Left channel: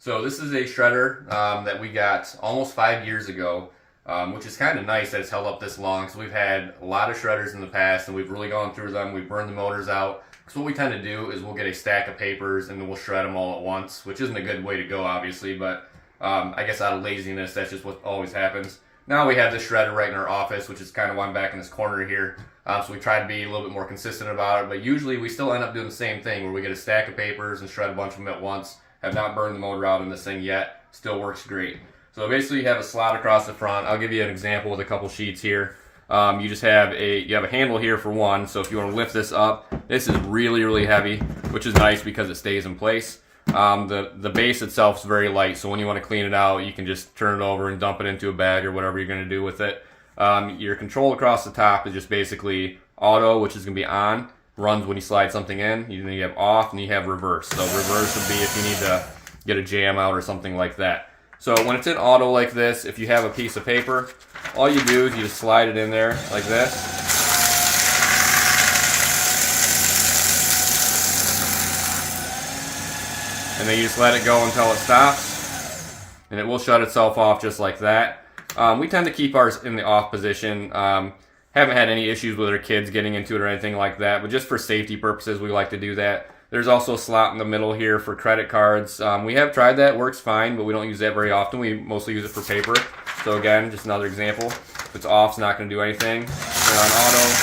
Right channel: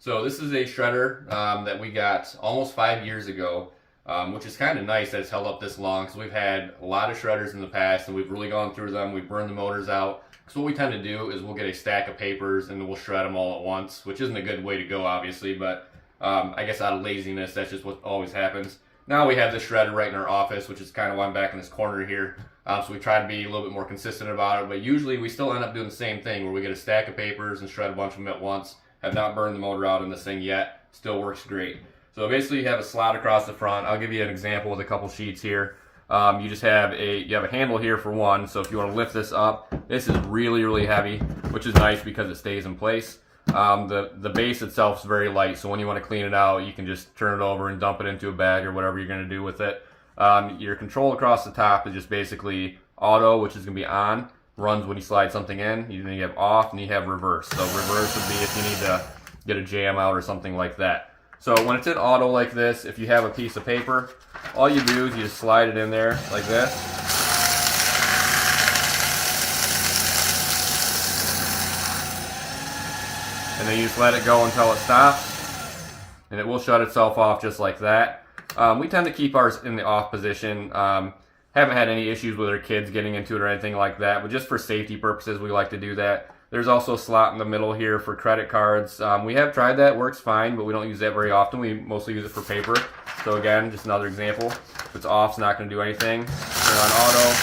So this is a shredder that we got almost 5 years ago, which is kind of nice that it's held up this long. So we've had a lot of shredders in the past, and we've really gone through them. We've burned the motors out. So what we tend to do is we'll get a stack of papers and then we'll shred them all at once, which isn't a good way to go, obviously, but I guess out of laziness, that's just what always happens. Now we have this shredder right in our office, which is kind of why I'm back in this corner here. So we try to be a little bit more consistent about it, but usually we still end up doing the same thing where we get a stack of papers and shred a bunch of them at once. Have not burned the motor out in this thing yet. Still works great. So basically you have a slot across the front. I'll give you an example with a couple sheets here. You just have a handle here for one, so if you want to lift this up, this is really heavy, which is nice because it stays in place. The base itself is very light, so when you want to clean it out, you can just turn it over and dump it into a bag or whatever you're going to do with it. Your control across the top is just basically auto, which is going to be on, runs when you slide something in. Then you have off, and you have reverse. So reverse would be if you need to get a jam out or something like that. So when it's in auto like this, if you have a piece of paper, all you do is you just slide it in there like this. And then you just let it go until it stops, and it will shut itself off just like that. We tend to keep ours in the off position. Haven't had any issues with our kids getting into it or anything like that, but just for safety purposes, we like to do that. There's also a slot in the middle here for credit cards. We have tried that, works fine, but we don't use that very often. We mostly use it for paper. So again, just another example. If it's off, it's not going to do anything. We're on auto.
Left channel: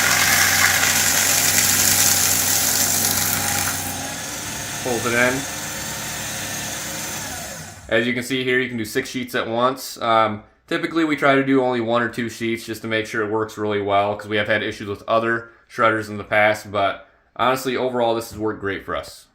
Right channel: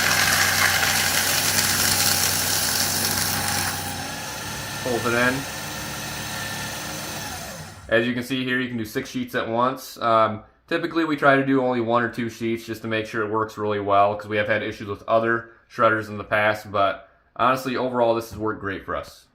Pulls it in. As you can see here, you can do 6 sheets at once. Typically, we try to do only 1 or 2 sheets just to make sure it works really well, because we have had issues with other shredders in the past, but honestly, overall, this has worked great for us.